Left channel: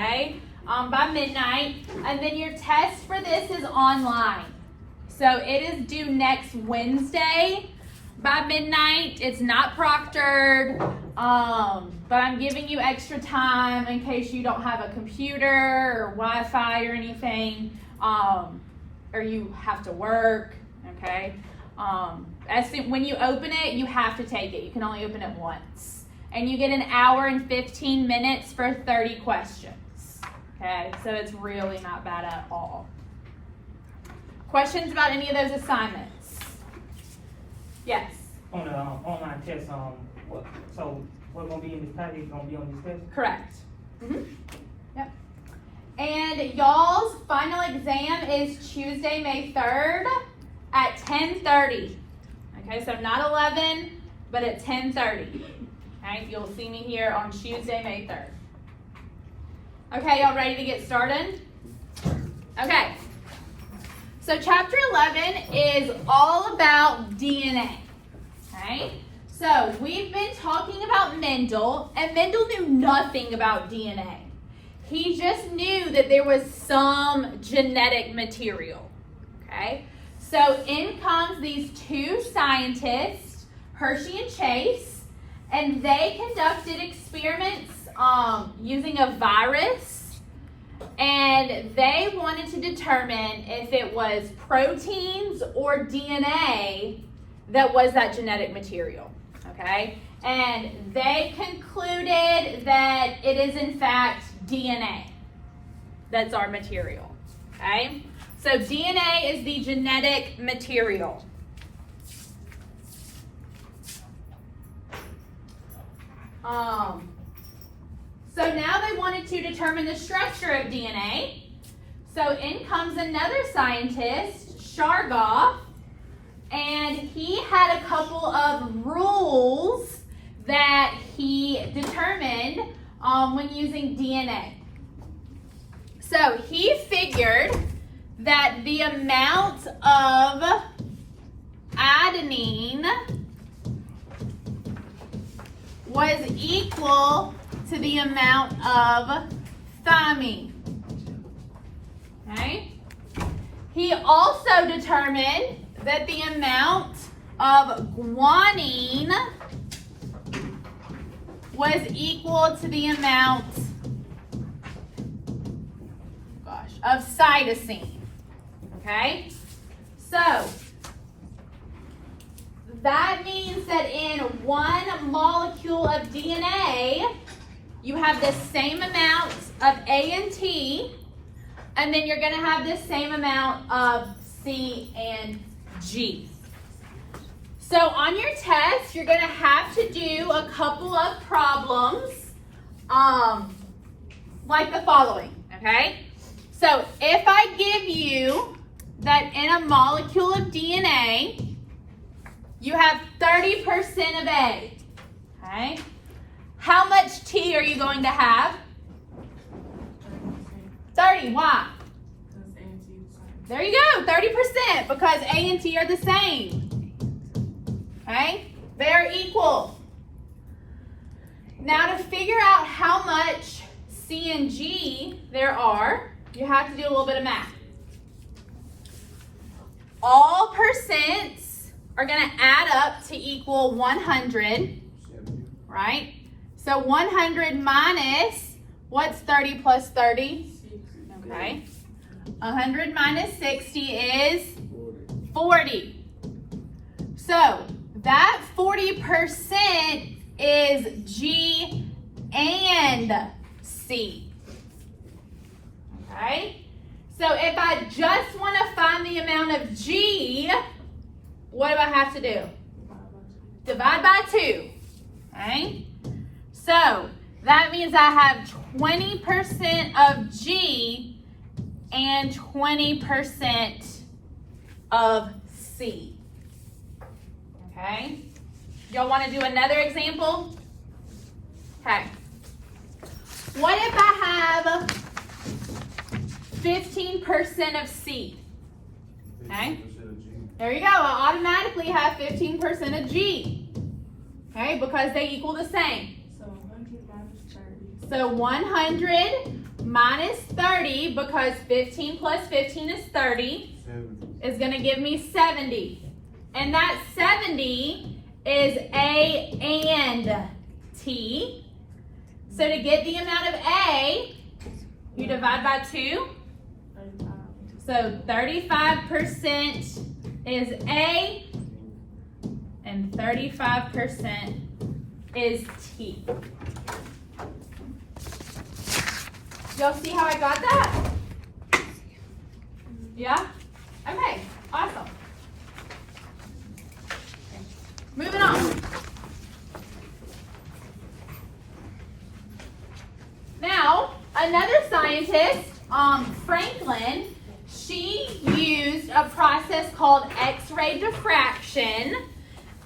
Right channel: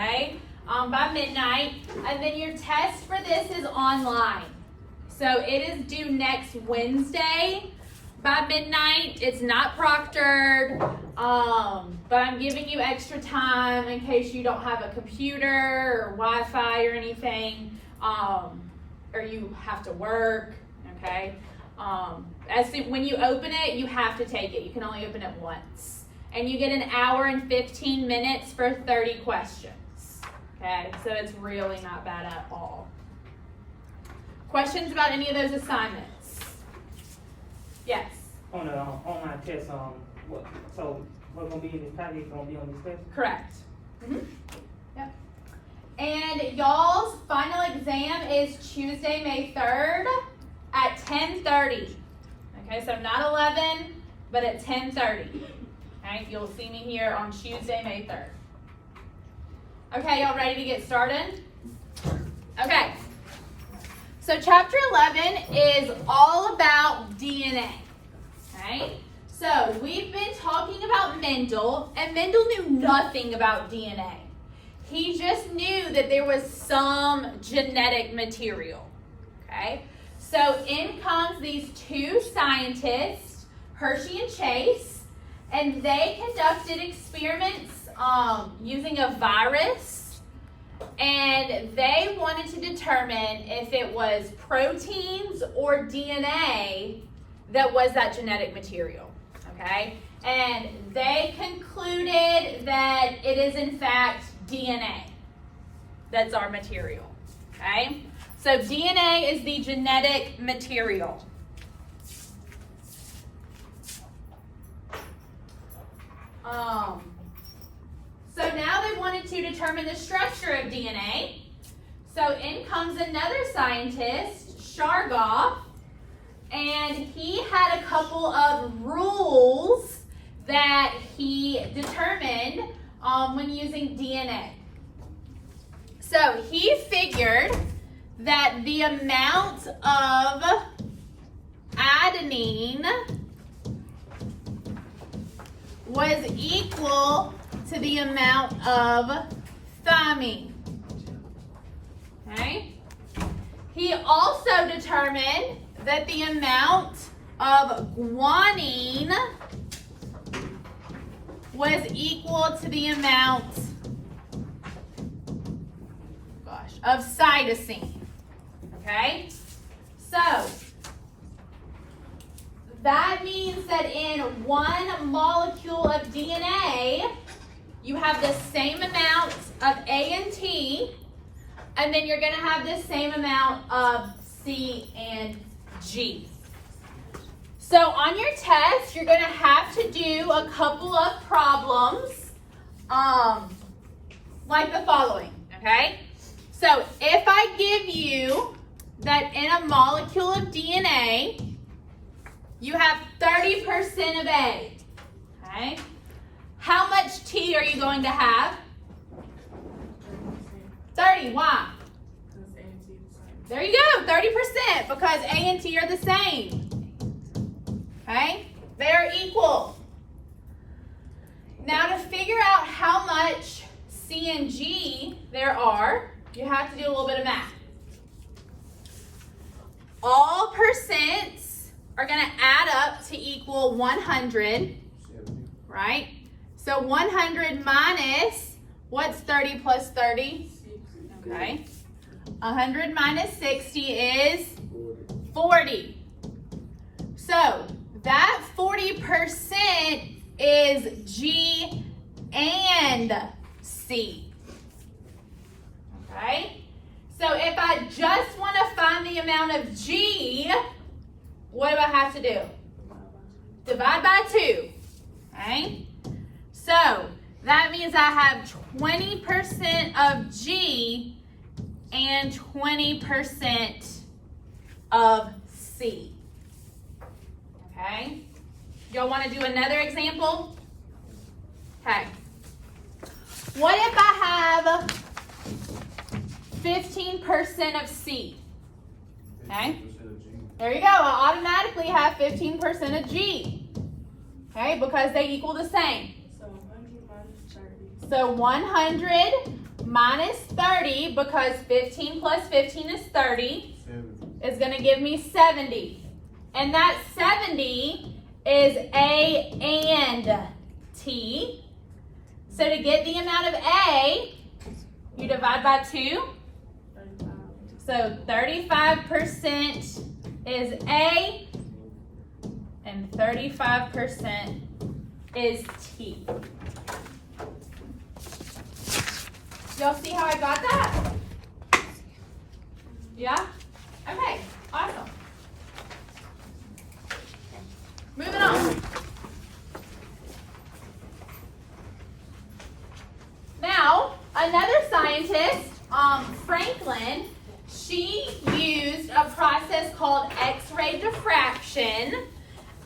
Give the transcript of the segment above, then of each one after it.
okay, by midnight. And then your test for this is online. So it is due next Wednesday by midnight. It's not proctored, but I'm giving you extra time in case you don't have a computer or Wi-Fi or anything, or you have to work, okay? When you open it, you have to take it. You can only open it once. And you get an hour and 15 minutes for 30 questions, okay? So it's really not bad at all. Questions about any of those assignments? Yes? On the online test, what's going to be in this package going to be on this test? Correct. Yep. And y'all's final exam is Tuesday, May 3rd at 10:30. Okay, so not 11, but at 10:30. Okay, you'll see me here on Tuesday, May 3rd. Okay, y'all ready to get started? Okay. So chapter 11 is all about DNA. Okay? So we've been talking about Mendel, and Mendel knew nothing about DNA. He just knew that there was some genetic material. Okay? So in comes these two scientists, Hershey and Chase, and they conducted experiments using a virus. And they wanted to determine if it was proteins or DNA that was that genetic material, okay? And they concluded that it is in fact DNA that's our material, okay? So DNA is the genetic material. So now they wanted to determine the structure of DNA. So in comes another scientist, Shargoff, and he had a couple of rules that he determined when using DNA. So he figured that the amount of adenine was equal to the amount of thymine. Okay? He also determined that the amount of guanine was equal to the amount of cytosine. Okay? So that means that in one molecule of DNA, you have the same amount of A and T, and then you're going to have the same amount of C and G. So on your test, you're going to have to do a couple of problems like the following, okay? So if I give you that in a molecule of DNA, you have 30% of A, okay? How much T are you going to have? 30. Why? There you go, 30%, because A and T are the same. Okay? They are equal. Now to figure out how much C and G there are, you have to do a little bit of math. All percents are going to add up to equal 100, right? So 100 minus, what's 30 plus 30? Okay. 100 minus 60 is 40. So that 40% is G and C. Okay? So if I just want to find the amount of G, what do I have to do? Divide by 2. Okay? So that means I have 20% of G and 20% of C. Okay? Y'all want to do another example? Okay. What if I have 15% of C? Okay? There you go. I'll automatically have 15% of G. Okay? Because they equal the same. So 100 minus 30, because 15 plus 15 is 30, is going to give me 70. And that 70 is A and T. So to get the amount of A, you divide by 2. So 35% is A and 35% is T. Y'all see how I got that? Yeah? Okay, awesome. Moving on. Now, another scientist, Franklin, she used a process called X-ray diffraction,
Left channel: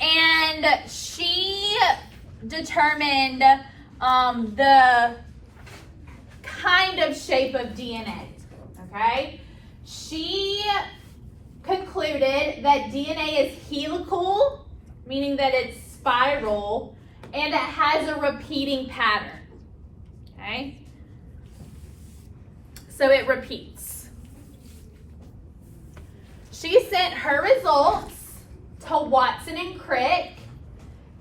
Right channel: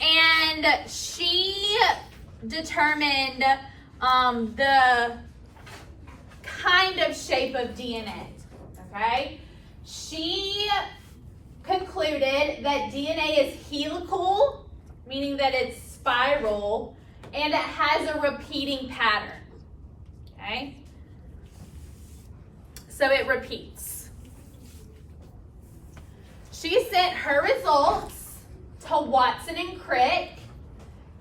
and she determined the kind of shape of DNA, okay? She concluded that DNA is helical, meaning that it's spiral, and it has a repeating pattern, okay? So it repeats. She sent her results to Watson and Crick,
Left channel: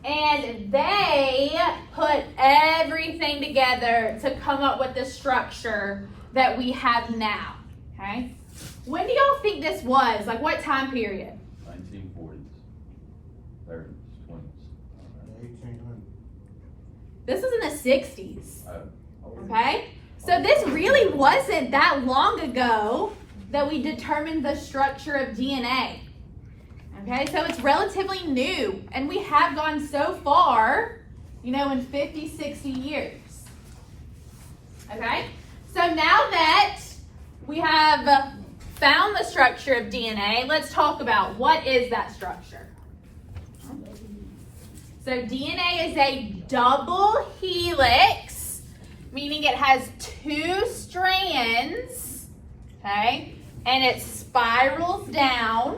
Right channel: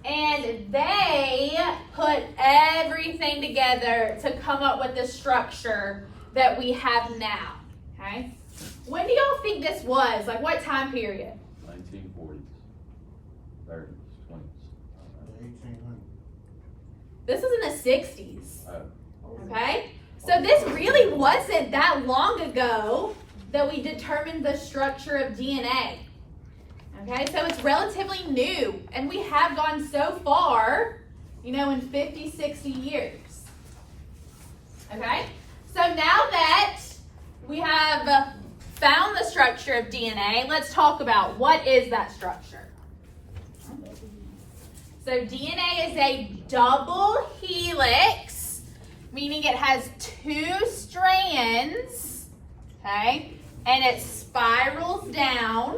and they put everything together to come up with the structure that we have now, okay? When do y'all think this was? Like what time period? 1940s, 30s, 20s. 1800. This was in the 60s, okay? So this really wasn't that long ago that we determined the structure of DNA. Okay, so it's relatively new, and we have gone so far, you know, in 50, 60 years. Okay, so now that we have found the structure of DNA, let's talk about what is that structure. So DNA is a double helix, meaning it has 2 strands, okay, and it spirals down.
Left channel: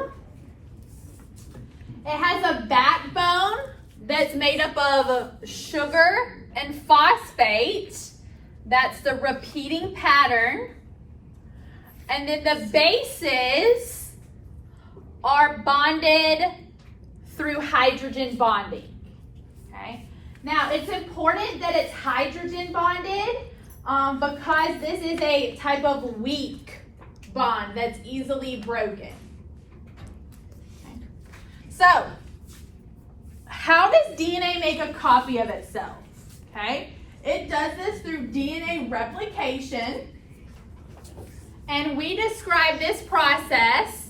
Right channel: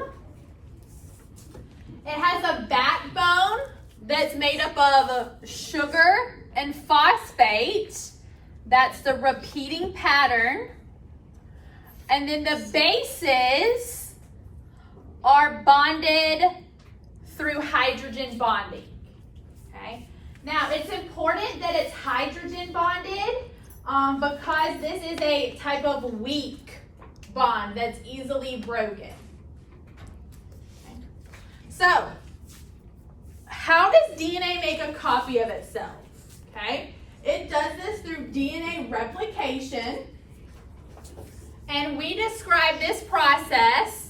It has a backbone that's made up of sugar and phosphate. That's the repeating pattern. And then the bases are bonded through hydrogen bonding. Okay. Now, it's important that it's hydrogen bonded because this is a type of weak bond that's easily broken. So, how does DNA make a copy of itself? Okay, it does this through DNA replication, and we describe this process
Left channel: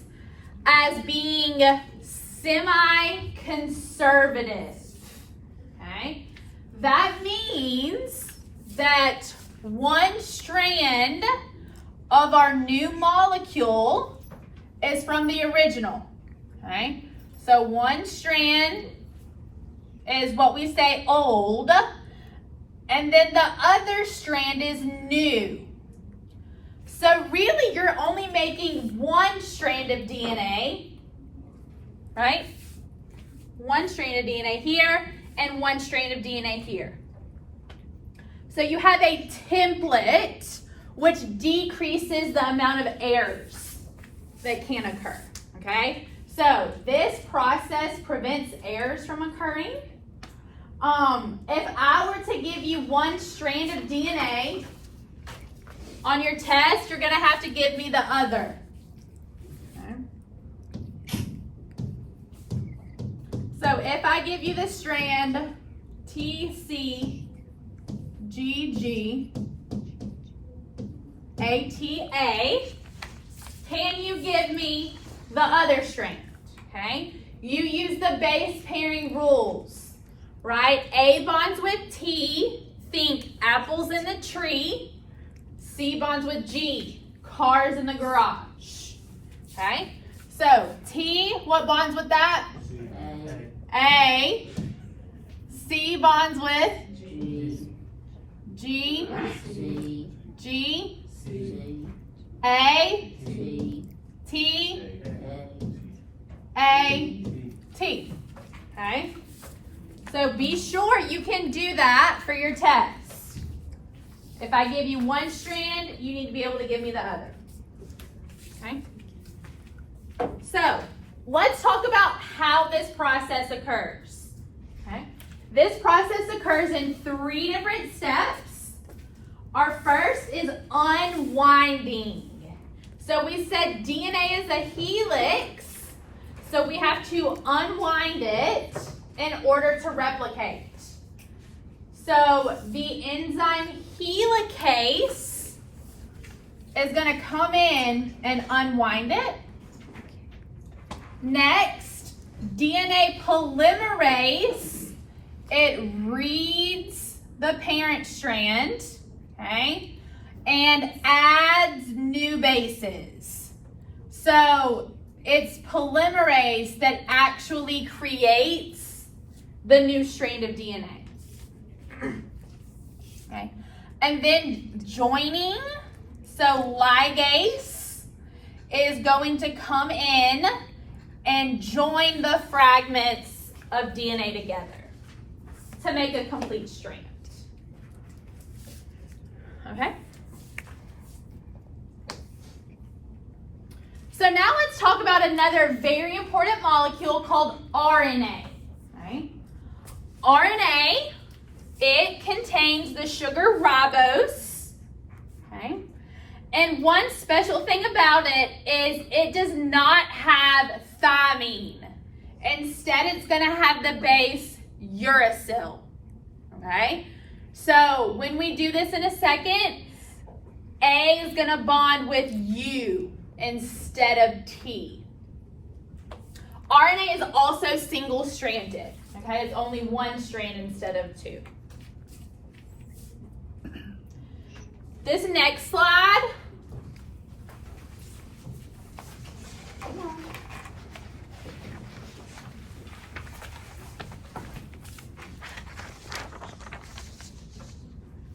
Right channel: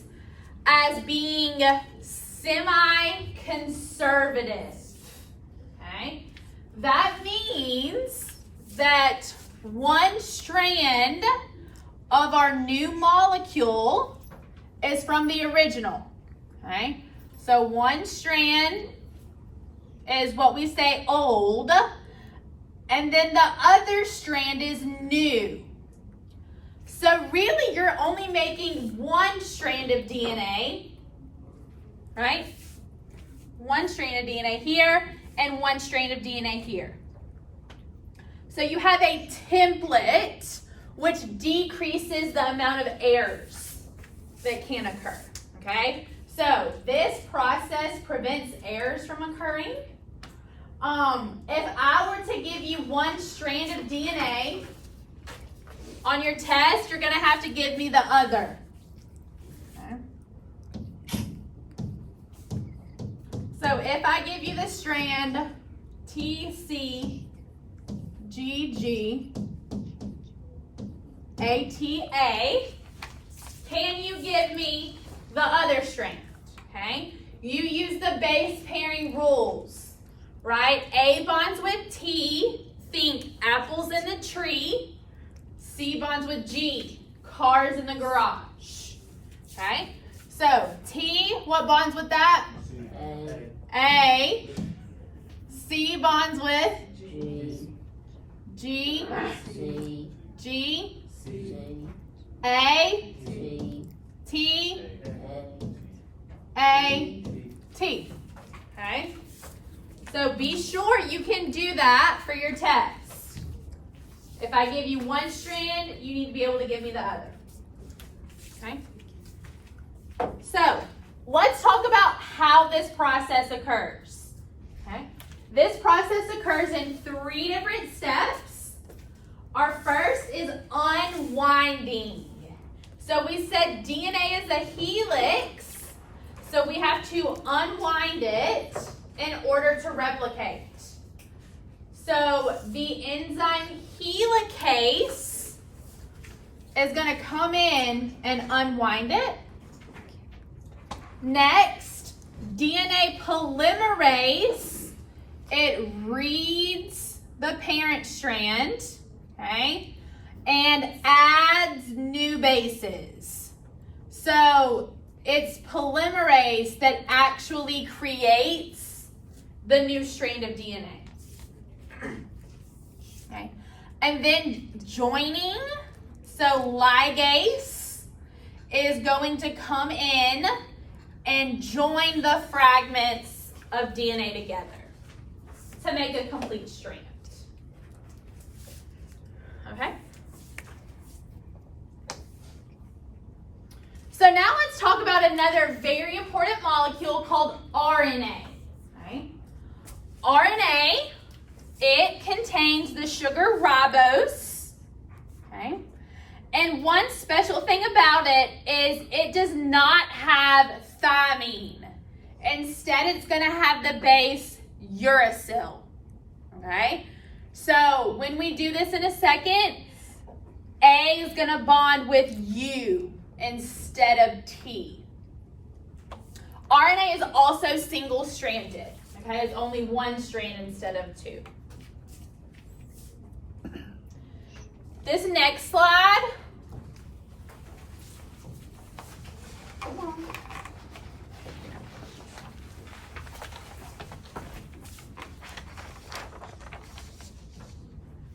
as being semi-conservative. Okay, that means that one strand of our new molecule is from the original. Okay. So one strand is what we say old, and then the other strand is new. So really you're only making one strand of DNA, right? One strand of DNA here and one strand of DNA here. So you have a template which decreases the amount of errors that can occur, okay? So this process prevents errors from occurring. If I were to give you one strand of DNA on your test, you're going to have to give me the other. Okay. So if I give you the strand TCGGATA, can you give me the other strand? Okay, you use the base pairing rules, right? A bonds with T, think apples in the tree. C bonds with G, cars in the garage. Okay, so T, what bonds with that? A. C bonds with G. G. A. T. A, T, okay? So be sure you can do that for your test. If I I give you one strand, you need to be able to give me the other. Okay? So, let's talk about how this process occurs. Okay? This process occurs in 3 different steps. Our first is unwinding. So we said DNA is a helix, so we have to unwind it in order to replicate. So the enzyme helicase is going to come in and unwind it. Next, DNA polymerase, it reads the parent strand, okay, and adds new bases. So it's polymerase that actually creates the new strand of DNA. Okay, and then joining, so ligase is going to come in and join the fragments of DNA together to make a complete strand. Okay? So now let's talk about another very important molecule called RNA. Okay? RNA, it contains the sugar ribose. Okay? And one special thing about it is it does not have thymine. Instead, it's going to have the base uracil. Okay? So when we do this in a second, A is going to bond with U instead of T. RNA is also single-stranded. Okay? It's only one strand instead of 2. This next slide.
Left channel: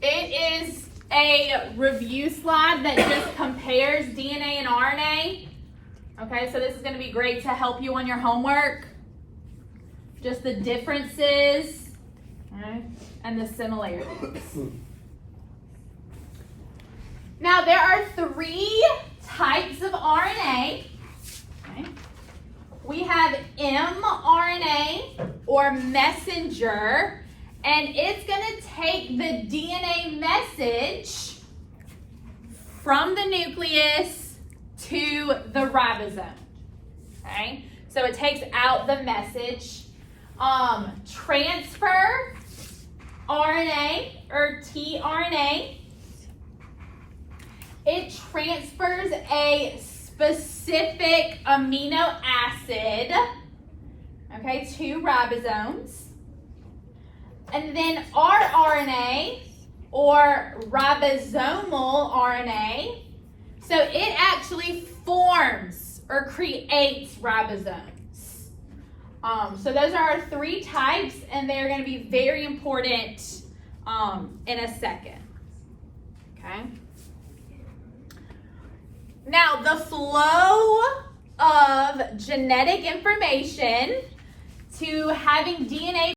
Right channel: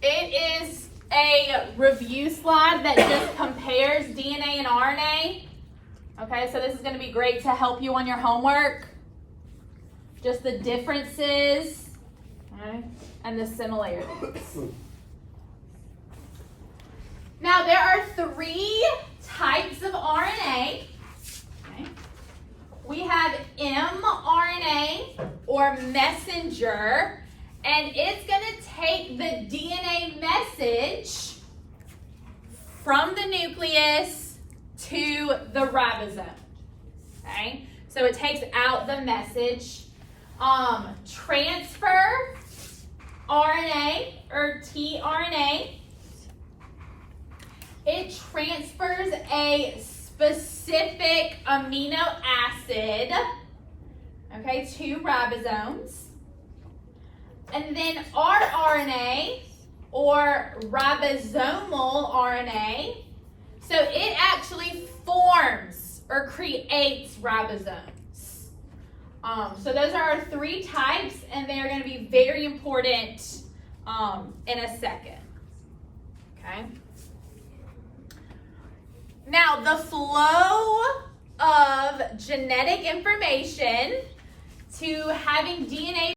It is a review slide that just compares DNA and RNA. Okay, so this is going to be great to help you on your homework. Just the differences, okay, and the similarities. Now, there are 3 types of RNA. Okay. We have mRNA, or messenger, and it's going to take the DNA message from the nucleus to the ribosome. Okay? So it takes out the message. Transfer RNA, or tRNA, it transfers a specific amino acid, okay, to ribosomes. And then rRNA, or ribosomal RNA, so it actually forms or creates ribosomes. So those are our 3 types, and they're going to be very important in a second. Okay. Now, the flow of genetic information to having DNA